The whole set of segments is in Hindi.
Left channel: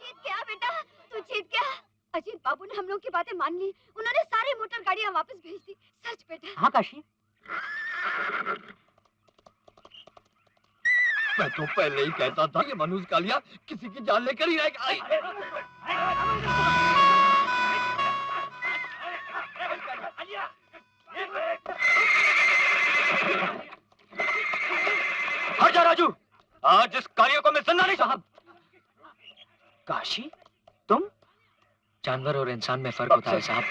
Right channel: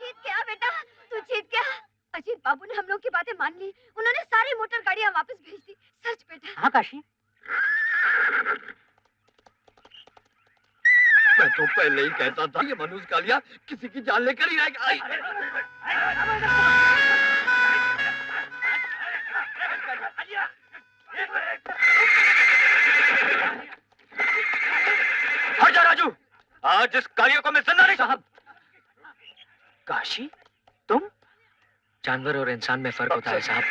जीत गया बेटा, तू जीत गया। अजीत बाबू ने हम लोग की बातें मान ली, उन्होंने सारी मोटर गाड़ियाँ वापस भेज दी। सच बेटा। हाँ काशी, मैं तो पहले ही कहता था ये मनोज कालिया किसी की जान लेकर ही रहेगा। हट जा राजू, आज इस कालिया को मैं जिंदा नहीं। साहब काशी, तुम? जानवर और इंसान में फर्क होता है साहब।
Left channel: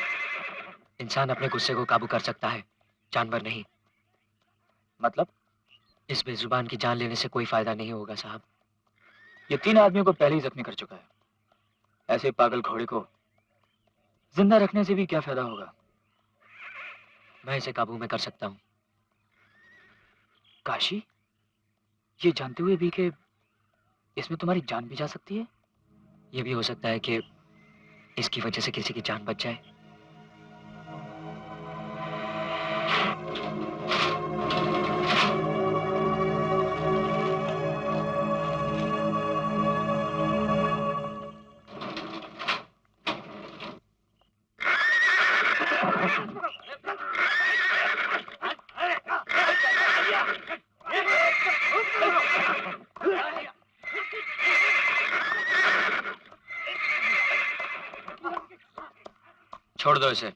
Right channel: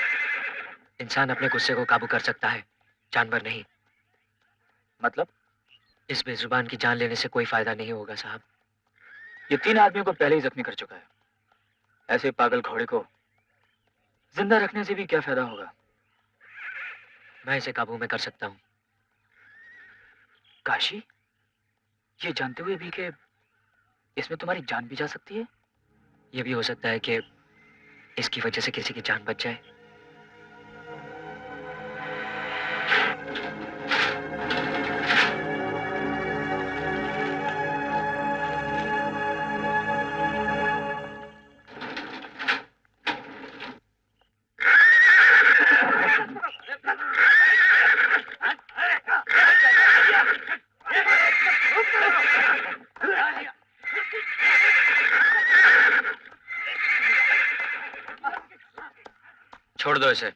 इंसान अपने गुस्से को काबू कर सकता है, जानवर नहीं। मतलब? इस बेजुबान की जान लेने से कोई फायदा नहीं होगा साहब। ये 3 आदमियों को पहले ही जख्मी कर चुका है। ऐसे पागल घोड़े को जिंदा रखने से भी क्या फायदा होगा? मैं इसे काबू में कर सकता हूँ। काशी, ये जानते हुए भी कि इसमें तुम्हारी जान भी जा सकती है? ये भी हो सकता है कि इसकी वजह से किसी की जान बच जाए। छोड़ दो इसे।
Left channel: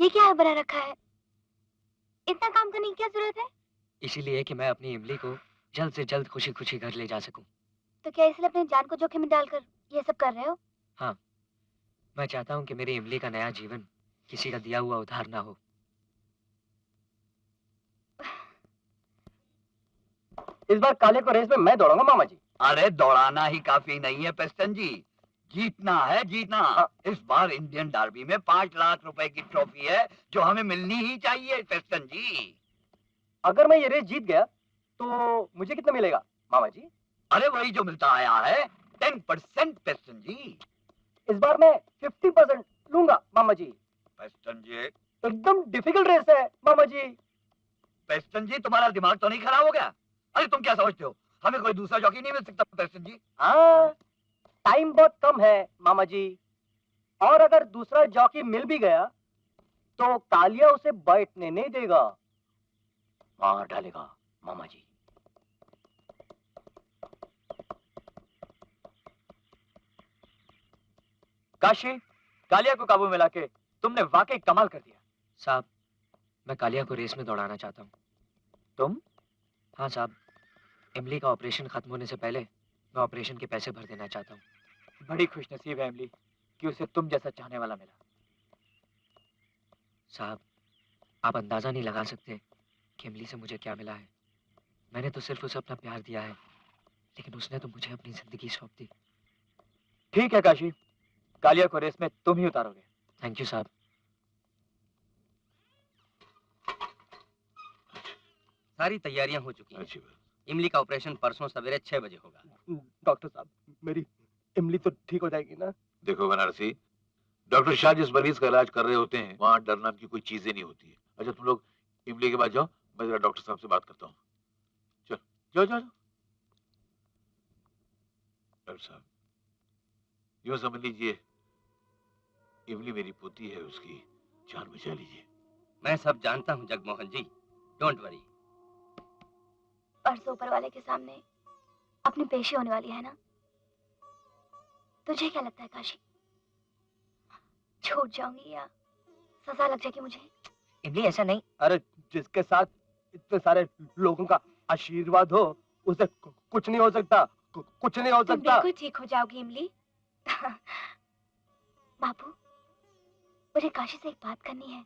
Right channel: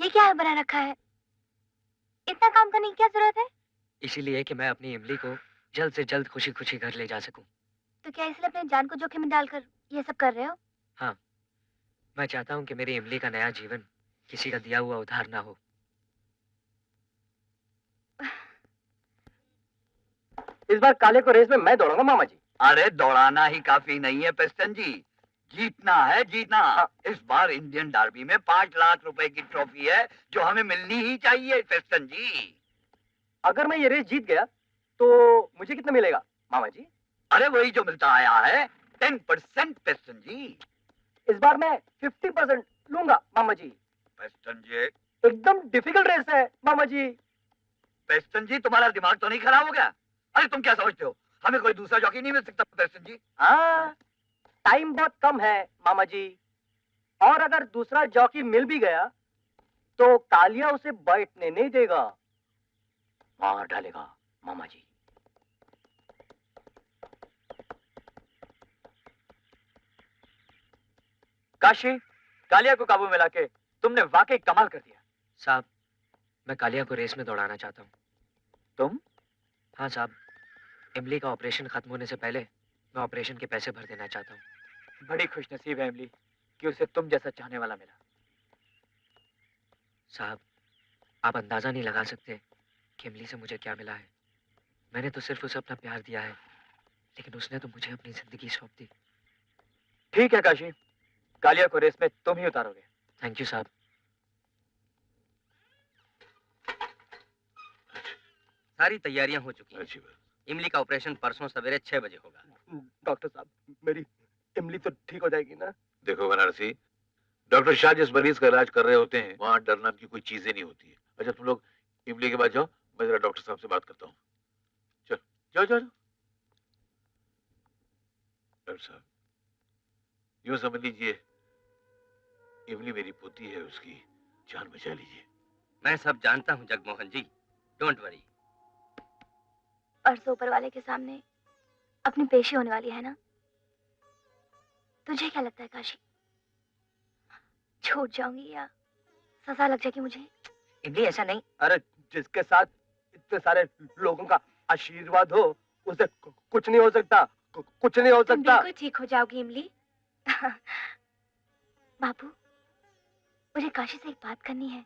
ये क्या है बना रखा है? इतना काम करने की क्या जरूरत है? इसीलिए कि मैं अपनी इमली को जल्द से जल्द खुशी खुशी घर ले जा सकूं। तो क्या इसलिए अपनी जान को जोखिम में डालकर ये सब कर रहे हो? हाँ, मैं चाहता हूँ कि मेरी इमली का नया जीवन किसी का दिया हुआ उधार ना हो। इस बार काले को रेस में मैं दौड़ूंगा मामा जी। अरे दौड़ाना ही काफी नहीं है पेस्टन जी, जीतना है जीतना। हाँ। इस बार इंडियन डार्बी में 5 लाख रुपए की ट्रॉफी है जो हमें मिलनी ही चाहिए पेस्टन जी। अगर मैं ये रेस जीत गया तो मुझे कितना मिलेगा मामा जी? अरे वही जो मिलता आया है 10% पेस्टन जी। इस बार मैं 50% लूंगा मामा जी। पेस्टन जी, एकदम डिफिकल्ट रेस है मामा जी। पेस्टन जी तुम्हारा दिमाग तो नहीं खराब हो गया? अरे तुम क्या समझते हो हमें कोई दूसरा जॉकी नहीं मिल सकता पेस्टन जी? हाँ, टाइम बहुत कम है मामा जी, और अगर दूसरा जॉकी मिल भी गया तो कालिया उसे बैठने नहीं देगा, मार डालेगा मामा जी। काशी, कालिया को काबू में लाके तुमने वाकई कमाल कर दिया। साहब, मैं कालिया को रेस में दौड़ाना चाहता हूँ। तुम? हाँ साहब, इमली का ऑपरेशन खत्म होने से पहले मैं ऑपरेशन के पैसे भर देना चाहता हूँ। बड़ी खुशनसीब है इमली, कि उसे तुम जैसा चाहने वाला मिला। साहब, आप अंदाजा नहीं लगा सकते कि इमली से मुझे क्या मिला है। मैंने तो सिर्फ उसे अपना प्यार दिया है, लेकिन उसने तो मुझे अपनी जिंदगी सौंप दी। ठीक है काशी, कालिया को रेस में तुम ही उतारोगे। थैंक यू साहब। सारी तैयारियां हो चुकी हैं। अच्छी बात। इमली का ऑपरेशन परसों सवेरे 6 बजे होगा। डॉक्टर साहब, मेरी इमली तो ठीक हो जाएगी ना? देखो बनारसी, डॉक्टर शाह जिस मरीज का इलाज कर रहे होते हैं वहाँ डर नाम की कोई चीजें नहीं होती है। अच्छा तुम लोग इमली के बाद जाओ, मैं जरा डॉक्टर साहब से बात करता हूँ। चल जाओ जाओ जाओ। डॉक्टर साहब, यूं समझ लीजिए इमली मेरी पोती है, उसकी जान बचा लीजिए। मैं सब जानता हूँ जगमोहन जी, डोंट वरी। परसों ऊपर वाले के सामने अपनी पेशी होने वाली है ना? तुझे क्या लगता है काशी, छूट जाऊंगी या सजा लग जाएगी मुझे? इमली ऐसा नहीं। अरे जिसके साथ इतने सारे लोगों का आशीर्वाद हो उसे कुछ नहीं हो सकता, कुछ नहीं हो तुम सकता। बिल्कुल ठीक हो जाओगी इमली। बाबू, मुझे काशी से एक बात करनी है।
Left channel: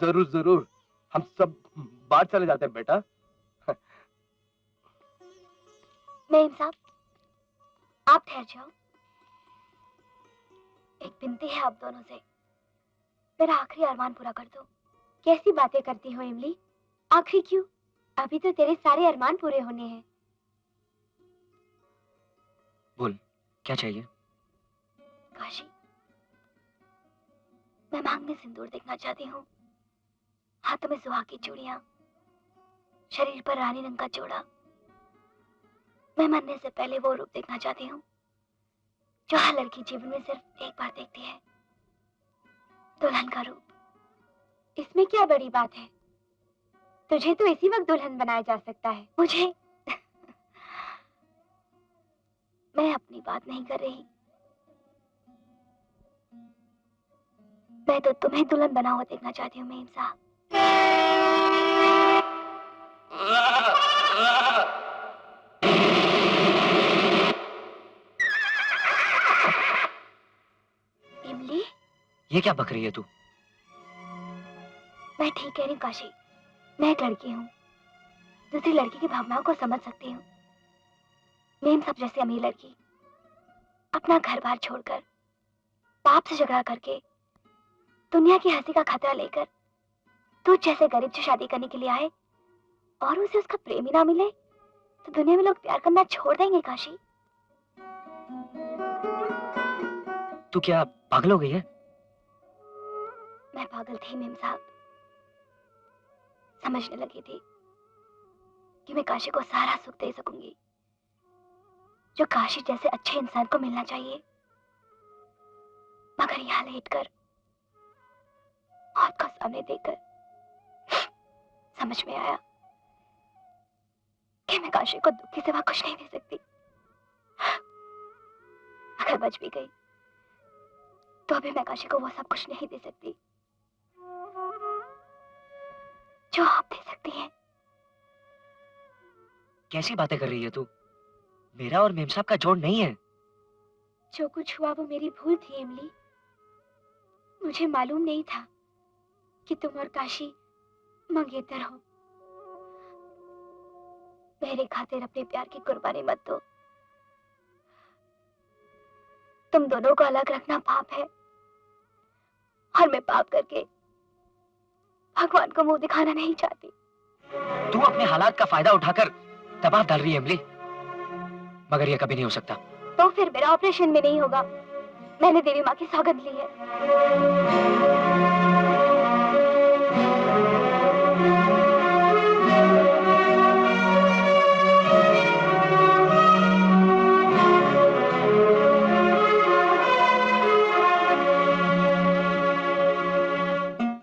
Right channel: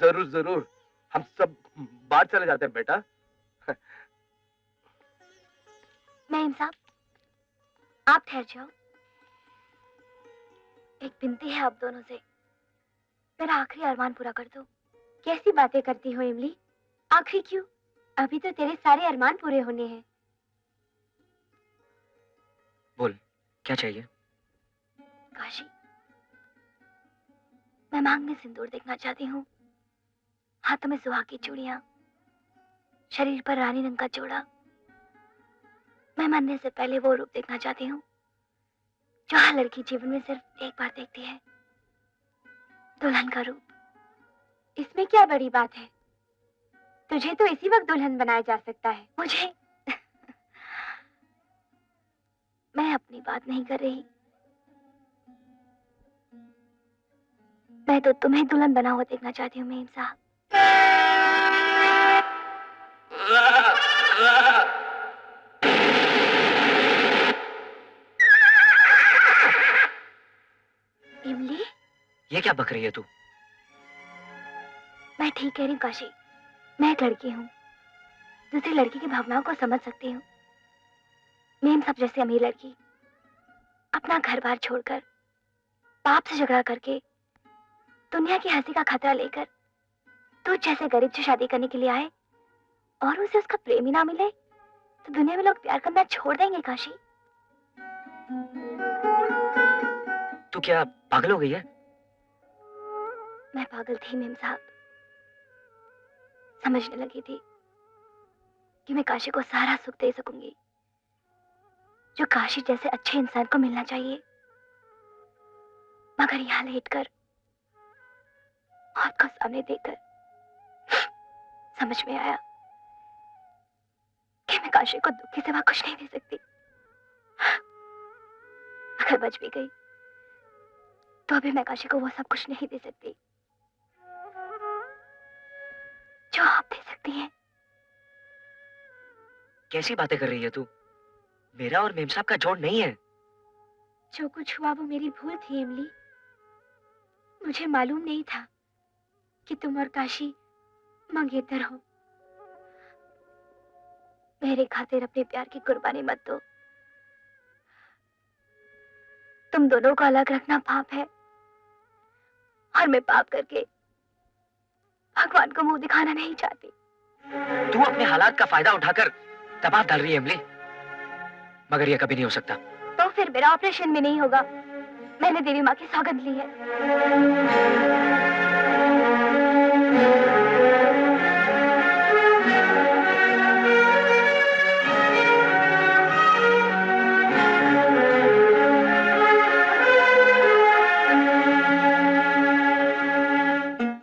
जरूर जरूर, हम सब बाहर चले जाते हैं बेटा। मेम साहब, आप ठहर जाओ। एक विनती है आप दोनों से, मेरा आखिरी अरमान पूरा कर दो। कैसी बातें करती हो इमली? आखिरी क्यों? अभी तो तेरे सारे अरमान पूरे होने हैं। बोल, क्या चाहिए? काशी, मैं मांग में सिंदूर देखना चाहती हूँ, हाथों में सुहाग की चूड़ियां, शरीर पर रानी रंग का जोड़ा। मैं मरने से पहले वो रूप देखना चाहती हूँ जो हर लड़की जीवन में सिर्फ एक बार देखती है, दुल्हन का रूप। इसमें क्या बड़ी बात है? तुझे तो इसी वक्त दुल्हन बनाया जा सकता है। मुझे मैं अपनी बात नहीं कर रही, मैं तो तुम्हें दुल्हन बना हुआ देखना चाहती हूँ मेम साहब। इमली, ये क्या बक रही है तू? मैं ठीक कह रही हूँ काशी, मैं एक लड़की हूँ, दूसरी लड़की की भावनाओं को समझ सकती हूँ। मेम साहब जैसी अमीर लड़की अपना घर बार छोड़कर, बाप से झगड़ा करके, दुनिया की हंसी का खतरा लेकर तू जैसे गरीब से शादी करने के लिए आए और उसे उसका प्रेम ही ना मिले तो दुनिया में लोग प्यार करना छोड़ देंगे काशी। तू क्या पागल हो गई है? मैं पागल थी मेम साहब, समझने लगी थी कि मैं काशी को सारा सुख दे सकूंगी जो काशी जैसे अच्छे इंसान को मिलना चाहिए। मगर यहाँ लेटकर, मौत को सामने देखकर समझ में आया कि मैं काशी को दुख के सिवा कुछ नहीं दे सकती। अगर बच भी गई तो अभी मैं काशी को वो सब कुछ नहीं दे सकती जो आप दे सकती हैं। कैसी बातें कर रही है तू? मेरा और मेम साहब का जोड़ नहीं है। जो कुछ हुआ वो मेरी भूल थी इमली। मुझे मालूम नहीं था कि तुम और काशी मंगेतर हो। मेरे खातिर अपने प्यार की कुर्बानी मत दो। तुम दोनों को अलग रखना पाप है और मैं पाप करके भगवान को मुंह दिखाना नहीं चाहती। तू अपने हालात का फायदा उठाकर दबाव डाल रही है इमली, मगर यह कभी नहीं हो सकता। तो फिर मेरा ऑपरेशन भी नहीं होगा। मैंने देवी माँ की सौगंध ली है।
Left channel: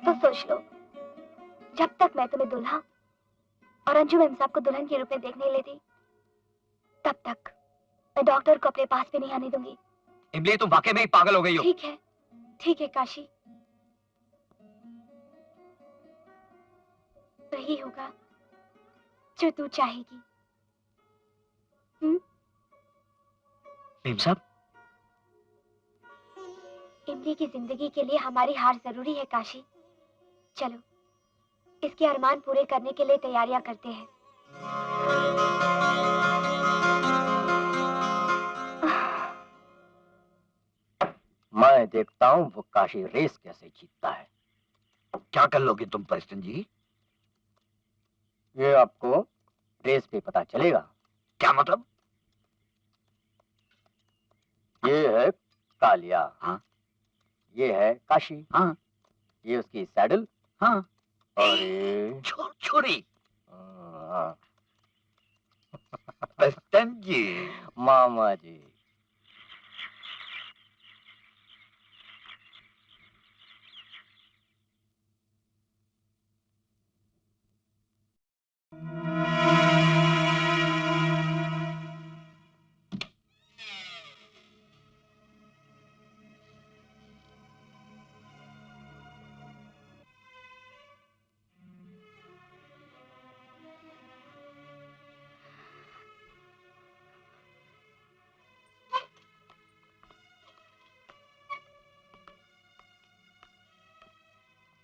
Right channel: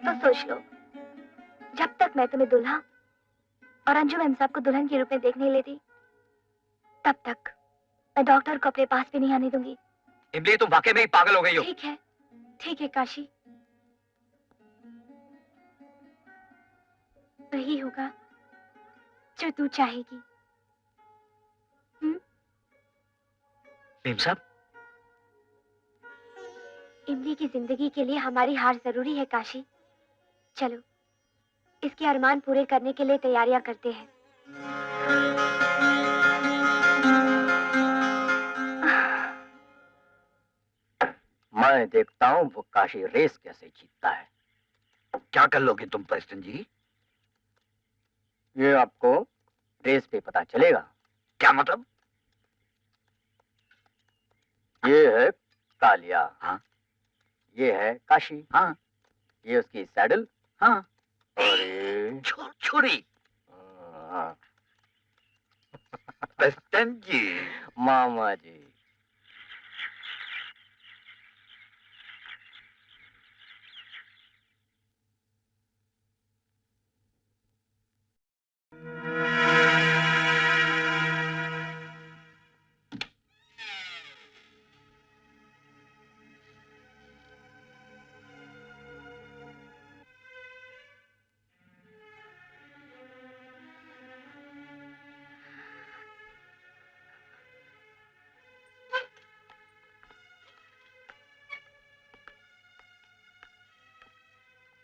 तो सोच लो, जब तक मैं तुम्हें दूल्हा और अंजू मेम साहब को दुल्हन के रूप में देख नहीं लेती, तब तक मैं डॉक्टर को अपने पास भी नहीं आने दूंगी। इमली, तुम वाकई में ही पागल हो गई हो। ठीक है काशी, वही होगा जो तू चाहेगी। मेम साहब, इमली की जिंदगी के लिए हमारी हार जरूरी है काशी। चलो इसके अरमान पूरे करने के लिए तैयारियां करते हैं। मैं देखता हूँ वो काशी रेस कैसे जीतता है। क्या कर लोगे तुम प्रेस्टन जी? ये आपको रेस पे पता चलेगा। क्या मतलब? ये है कालिया। हाँ। ये है काशी। हाँ। ये उसकी सैडल। हाँ। और ये छुरी। हाँ। प्रेस्टन जी। मामा जी।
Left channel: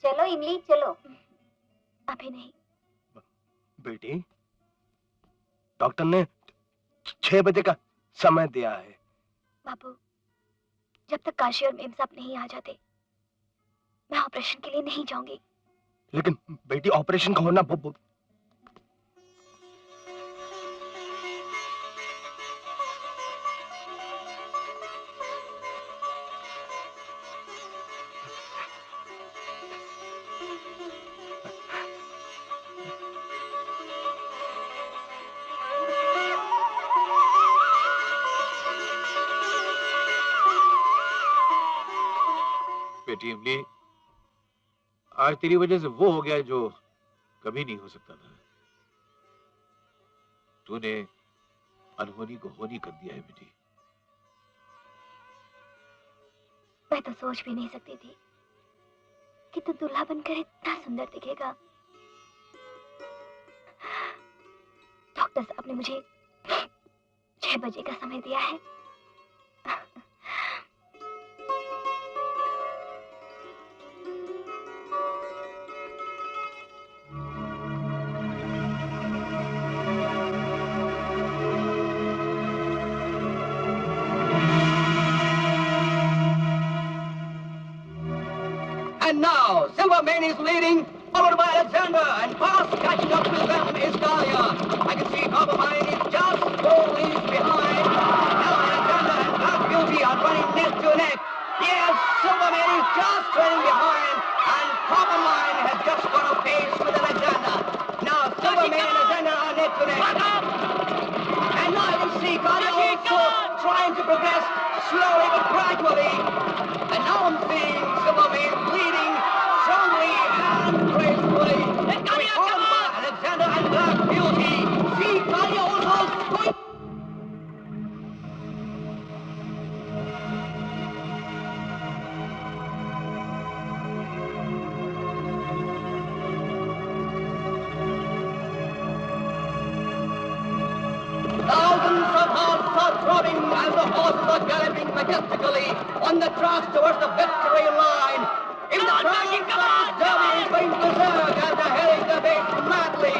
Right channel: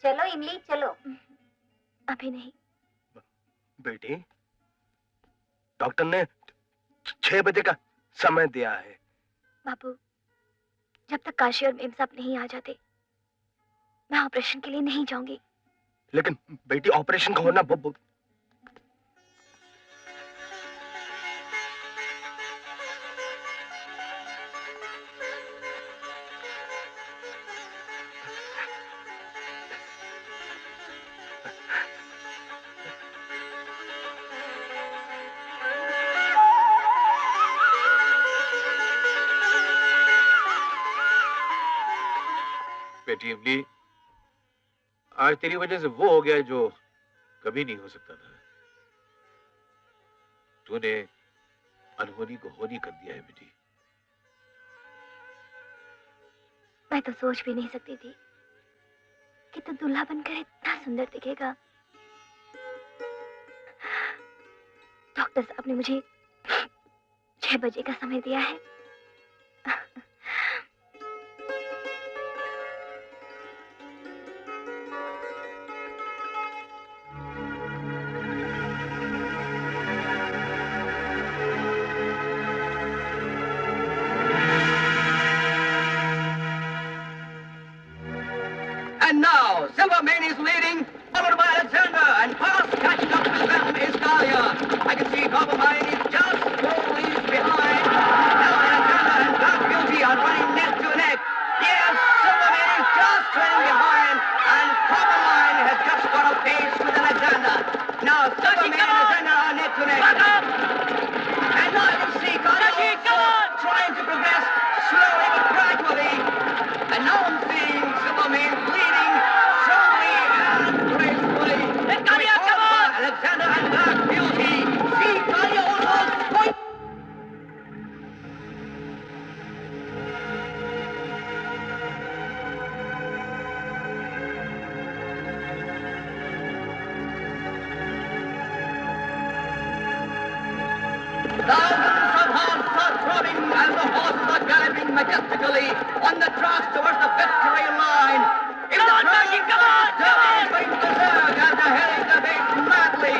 चलो इमली चलो। अभी नहीं। बेटी, डॉक्टर ने 6 बजे का समय दिया है। बाबू, जब तक काशी और मेम साहब नहीं आ जाते मैं ऑपरेशन के लिए नहीं जाऊंगी। लेकिन बेटी ऑपरेशन का होना बहुत बेटी इमली, आज तेरी वजह से वो हो गया जो कभी नहीं हो सकता था। तूने अनहोनी को होनी कर दिया है बेटी। मैं तो सोच भी नहीं सकती थी कि तू दूल्हा बनकर इतना सुंदर दिखेगा। डॉक्टर साहब ने मुझे 6 बजे का समय दिया है। And now, Silvermane is leading, followed by Alexander, and fast catching up with them is Dahlia. I can see Coppermine is just 4 leagues behind. Now Alexander and Black Beauty are running neck to neck. Yes, Silvermane is just trailing behind, and Coppermine has just got a pace with Alexander. Now Silvermane and Alexander are neck to neck. And now I can see Dahlia also trying to progress slowly but gradually. And now I'm seeing Silvermane leading strongly and gracefully. To be followed by Alexander and Black Beauty. See Kalia also going. Thousands of hearts are throbbing as the horses are galloping majestically on the tracks towards the victory line. In the crowd, Derby is going berserk as the Harry debates madly.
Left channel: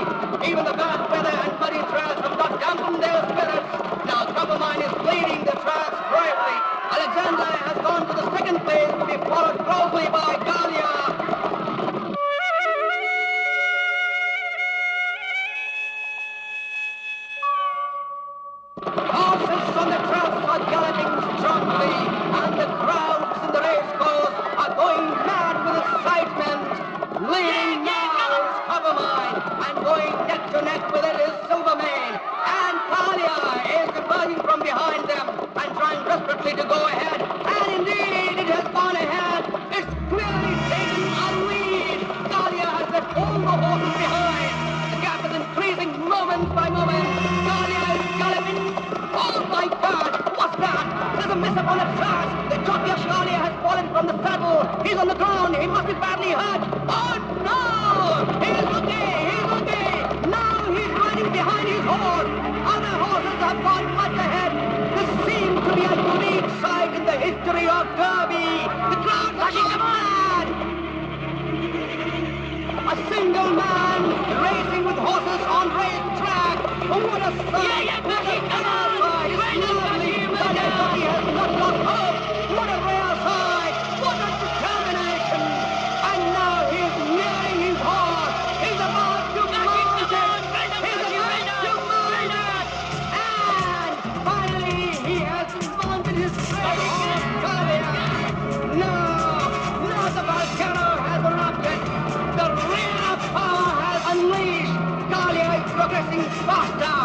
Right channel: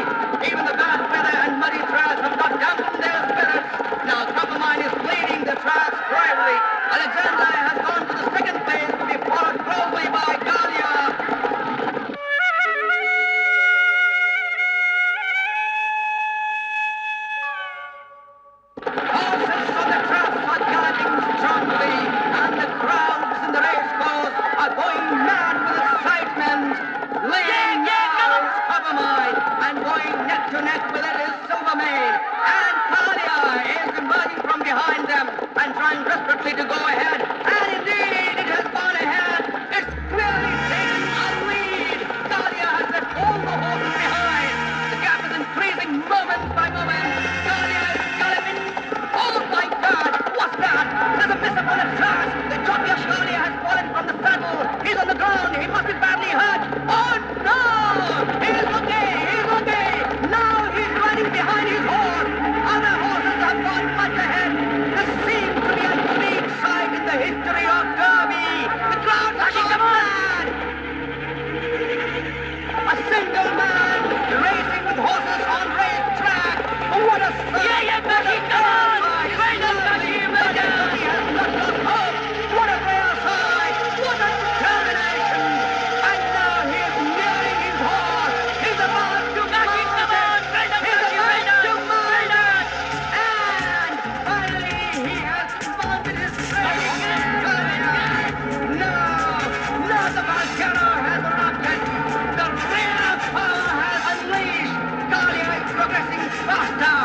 Even the bad weather and muddy tracks have not dampened their spirits. Now Coppermine is leading the tracks bravely. Alexander has gone to the second place to be followed closely by Galia. Horses on the tracks are galloping strongly, and the crowds in the racecourse are going mad with excitement. Leading now is Coppermine, and going neck to neck with it is Silvermane. And Talia is emerging from behind them and trying desperately to go ahead. And indeed, it has gone ahead. It's clearly taken a lead. Talia has left all the horses behind. The gap is increasing moment by moment. Talia is galloping. Oh my God! What's that? There's a miss upon the track. The jockey of Talia has fallen from the saddle. He's on the ground. He must be badly hurt. Oh no! He's okay. He's okay. Now he's riding behind his horse. Other horses have gone much ahead. This seems to be a unique sight in the history of Derby. The single man racing with horses on race track. What a sight! What a rare sight! Lovely! He has not lost hope. What a rare sight! What a determination! And now he is nearing his horse. He's about to mount it. He's about to mount it. And finally he has mounted his red horse, Kalia. Now the volcano has erupted. The real power has unleashed. Kalia is progressing faster.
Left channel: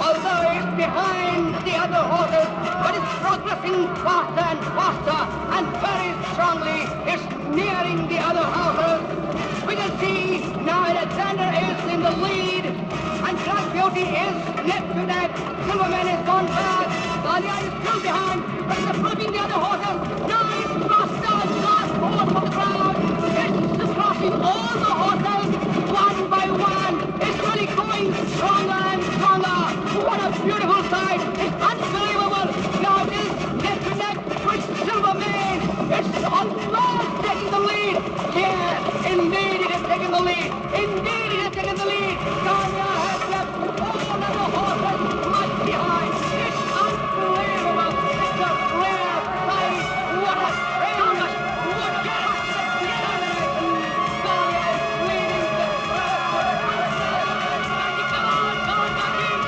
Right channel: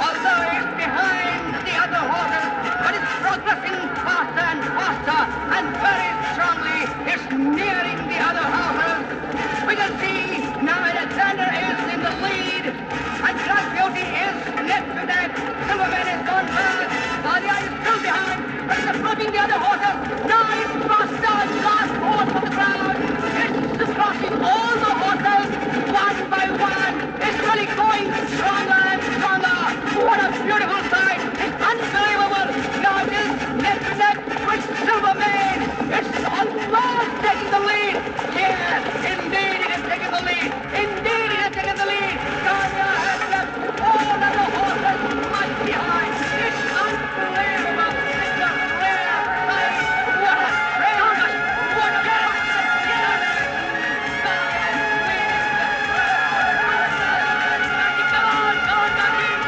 Although it's behind the other horses, but it's progressing faster and faster, and very strongly it's nearing the other horses. We can see now Alexander is in the lead, and Black Beauty is neck to neck. Silverman has gone back. Kalia is still behind, but it's approaching the other horses. Now it's faster, last horse of the crowd. It's crossing all the horses, one by one. It's really going stronger and stronger. What a beautiful sight! It's unbelievable! Now it is neck to neck with Silverman. It's almost taking the lead. Yes, indeed it is taking the lead. Indeed it is taking the lead. Kalia has left all other horses much behind. It's unbelievable. It's a rare sight. What a strange, what a determination. Kalia is leading the crowd. Come on, Maggie.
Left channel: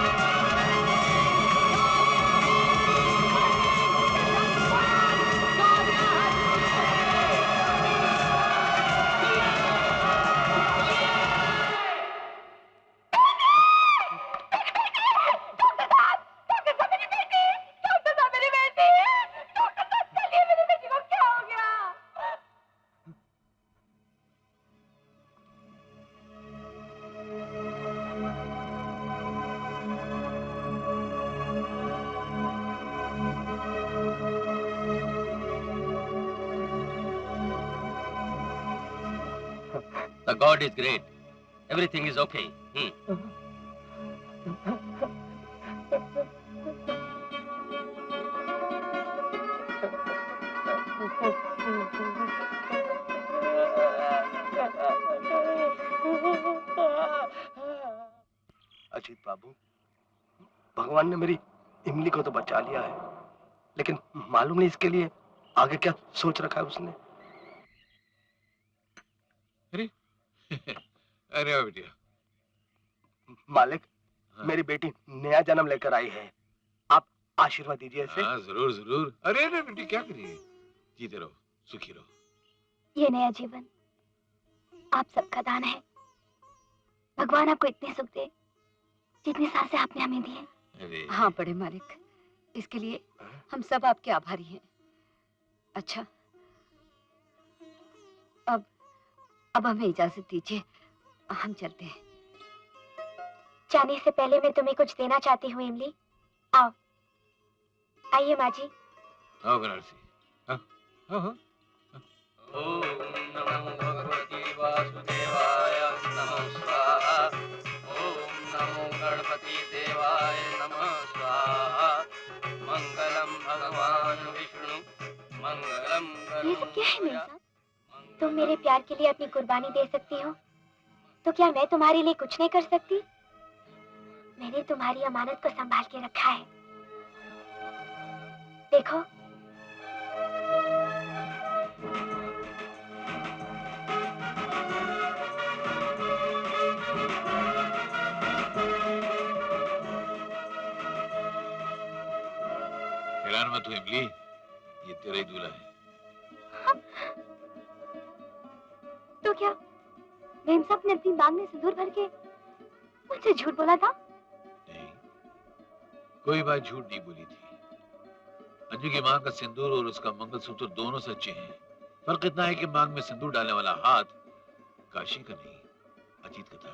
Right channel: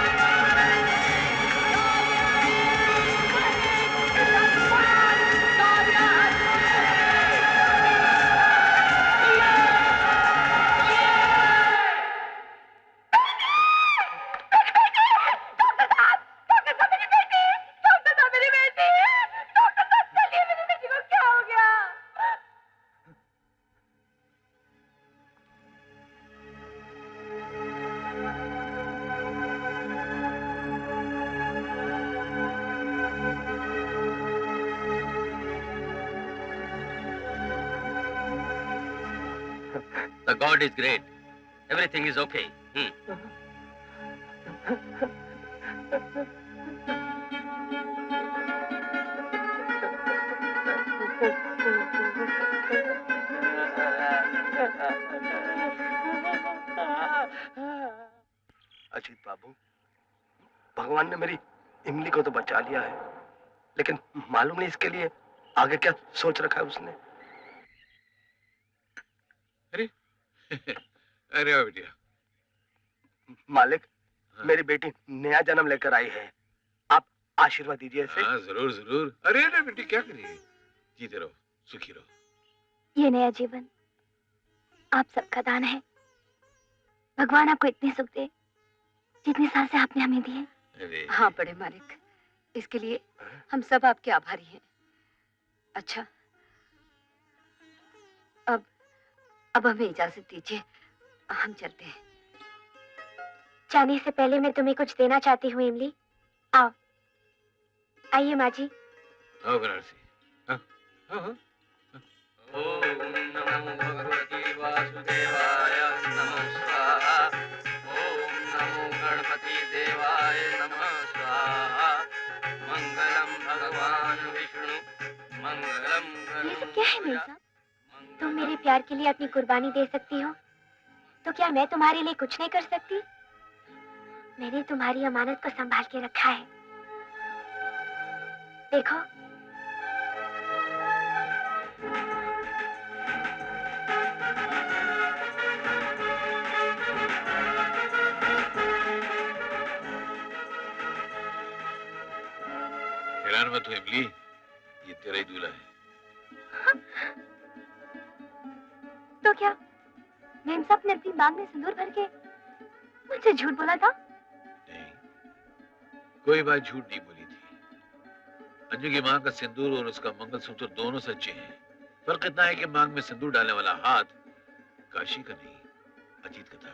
The God is great. Everything is okay. Ajit बाबू, भगवान ने मेरी इमली को तो बचा लिया है, लेकिन मालूम नहीं इसके लिए आगे क्या सोच रखा है उसने। अरे वाह बेटिया। मालिक, हाँ। मेरी बेटी नया जन्म लेकर आई है, आप आशीर्वाद दीजिए इसे। हाँ जरूर जरूर। अरे अरे बेटी क्या करिए, जीते रहो, सुखी रहो। ये नया जीवन आप सबका दान है। भगवान आपको इतने सुख दे जितनी सांसें आपने हमें दी हैं। अरे हाँ बड़े मालिक, इसके लिए हम सब आपके आभारी हैं। अच्छा, अब हमें इजाजत दीजिए, हम चलते हैं। जाने से पहले मैं तुम्हें कुछ देना चाहती हूँ इमली। आओ, आइए माँ जी। आओ बनारसी, आओ आओ आओ। ओम नमो भगवते वासुदेवाय नमः स्वाहा। ओम नमो गणपति देवाय नमः स्वाहा। मंगलम भगवान विष्णु मंगलम ये सब क्या है मेरे साथ? तुम मेरे प्यार के लिए अपनी कुर्बानी दे सकती हो, तो क्या मैं तुम्हारे लिए कुछ नहीं कर सकती? मैंने तुम्हारी अमानत को संभाल के रखा है। देखो, हैरान मत हो इमली, ये तेरा ही दूल्हा है। तो क्या मेम साहब ने अपनी बाग में सिंदूर भर के मुझसे झूठ बोला था? नहीं, कोई बात झूठ नहीं बोली थी। अंजू की मांग का सिंदूर और उसका मंगलसूत्र दोनों सच्चे हैं। फर्क इतना है कि मांग में सिंदूर डालने वाला हाथ काशी का नहीं, अजीत का था।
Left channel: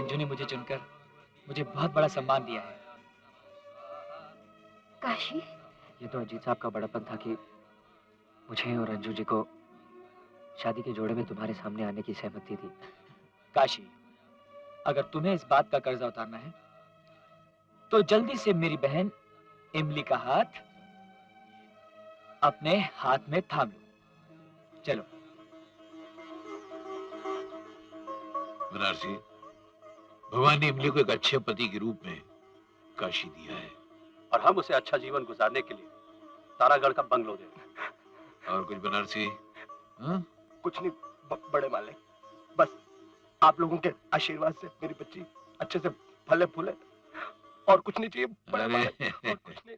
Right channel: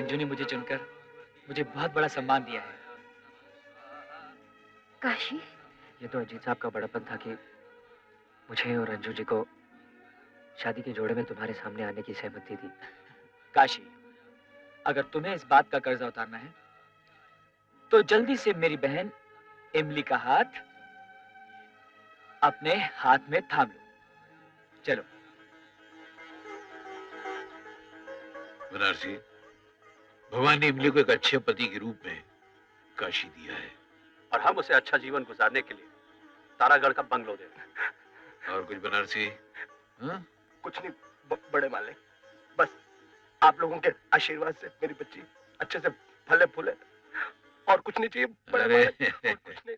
अंजू ने मुझे चुनकर मुझे बहुत बड़ा सम्मान दिया है। काशी, ये तो अजीत साहब का बड़ापन था कि मुझे और अंजू जी को शादी के जोड़े में तुम्हारे सामने आने की सहमति दी। काशी, अगर तुम्हें इस बात का कर्जा उतारना है तो जल्दी से मेरी बहन इमली का हाथ अपने हाथ में थाम लो। चलो। बनारसी, भगवान ने इमली को एक अच्छे पति के रूप में काशी दिया है, और हम उसे अच्छा जीवन गुजारने के लिए तारागढ़ का बंगलो दे रहे हैं। और कुछ बनारसी? हाँ? कुछ नहीं बड़े मालिक, बस आप लोगों के आशीर्वाद से मेरी बच्ची अच्छे से फले फूले, और कुछ नहीं चाहिए बड़े अरे मालिक, और कुछ नहीं।